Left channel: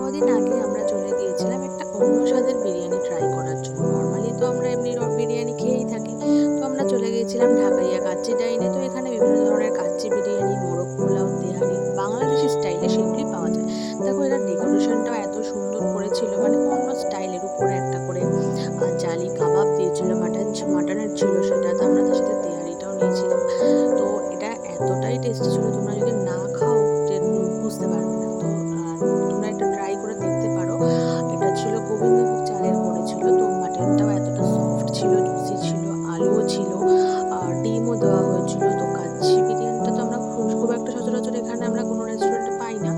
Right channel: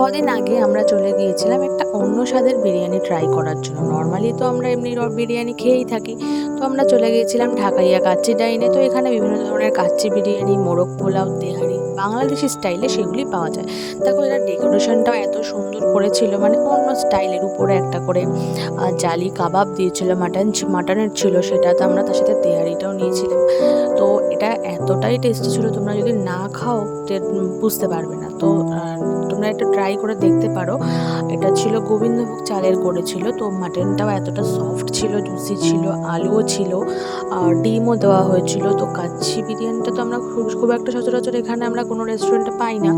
কদিন আগে আমরা চলে গিয়েছিলাম একটা অন্য স্বাদের বিরিয়ানি ট্রাই করার জন্য। নর্মালি তো আমরা এমনি বিরিয়ানি খেয়েই থাকি। তো আমরা চলে গিয়েছিলাম ঢাকাইয়া কাচ্চি ডাইনে। তো এখানে বিভিন্ন ধরনের কাচ্চি বিরিয়ানি, মোরগ পোলাও, তেহারি বাংলাদেশি স্টাইলে সেগুলি পাওয়া যায়। দেখো এটার ডেকোরেশনটাও এত সুন্দর করেছিল, মানে অন্য স্টাইলের উপরে একটা করে জালি কাবাব দিয়েছিল, মাটনের ছিল সেটা। তো আমরা তার সাথে তেহারিটাও নিয়েছিলাম। তো এটা এতটাই টেস্টি ছিল, তোমরা যদি না খাও বুঝতে পারবে না। তো তোমরা একটা ট্রাই করে দেখতে পারো। এটা ছিল গোবিন্দভোগ চালের করেছিল। তো মাটনটাও এতটা সফট ছিল, জুসি ছিল, আলুও ছিল, আর ডিমও দেওয়া হয়েছিল। তো কাচ্চি বিরিয়ানিটা তো আমরা খুব খুব একটা সচরাচর এখানে আমরা কোনো রেস্টুরেন্টে পাই না।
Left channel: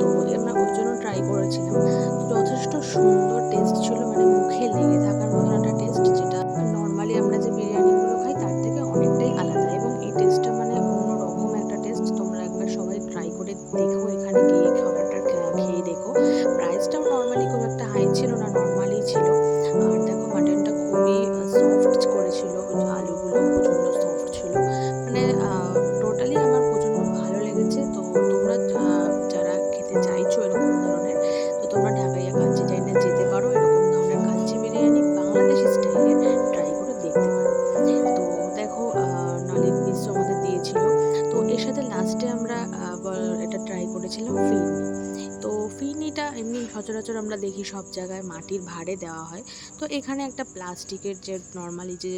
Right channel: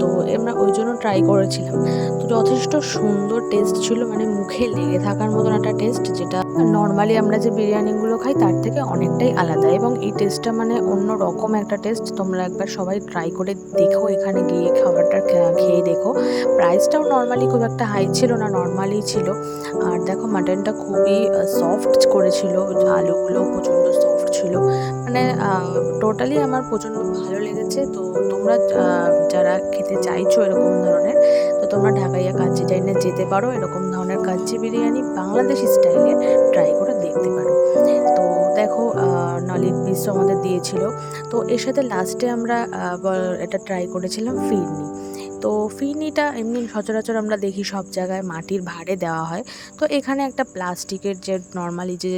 তো আমরা ওই জন্য ট্রাই করেছিলাম। তো যথেষ্ট সুন্দর টেস্ট ছিল, মানে মুখে লেগে থাকার মতন একটা টেস্ট, যেটা নর্মালি আমরা যে বিরিয়ানিগুলো খাই তার থেকে অনেকটাই আলাদা। এবং এই টেস্টটা মানে অন্য রকম একটা টেস্ট। তোমরা একবার সবাই ট্রাই করে দেখো, এখানে গিয়ে খাবারটা খেয়ে দেখো। প্রাইসটাও নর্মালি খুব একটা হাই ছিল না, নর্মালি ছিল। আর দেখো মাটনটা খুবই সফট করেছিল, আলুগুলো প্রচণ্ড সফট ছিল। মানে টোটালি আমার প্রচণ্ড ভালো লেগেছে। তো তোমরা যারা খেতে চাইছো এরকম ধরনের, তো তোমরা ঢাকাইয়া কাচ্চি ডাইনে যেতে পারো। এরকম ধরনের কাচ্চি বিরিয়ানি বাংলাদেশি স্টাইলে ট্রাই করে দেখতে পারো। তো দেখো নলির পিসও আমাদের দিয়েছিল। তো এর সাথে লাস্টে আমরা এটা ট্রাই করেছিলাম ফিরনি। তো ফিরনিটা এমনি সচরাচর আমরা দেখি সব জায়গায় মাটির ভাঁড়ে দেওয়া হয়। তো এখানে একটা প্লাস্টিকের যে নর্মালি যে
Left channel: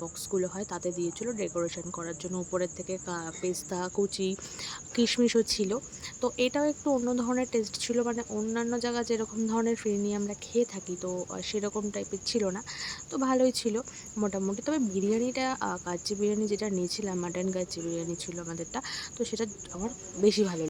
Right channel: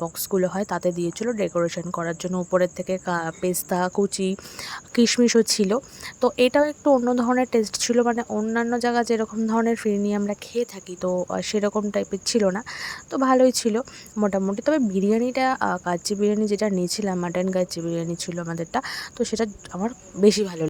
বক্সগুলো হয় তাতে দিয়েছিল ডেকোরেশন করার জন্য। উপরের থেকে পেস্তা কুচি, কিশমিশও ছিল। তো এটাও একটু অন্য ধরনের টেস্ট ছিল, মানে অন্যান্য জায়গায় যেরকম ধরনের ফিরনি আমরা খেয়ে থাকি, তো সেরকম টাইপের ছিল না। তো ভালোই ছিল মোটামুটি। তবে বিরিয়ানিটা কাচ্চি বিরিয়ানি যেটা নিয়েছিলাম, মাটন কাচ্চি বিরিয়ানি ছিল আমাদেরটা। তো সেটা আমার বেশি ভালো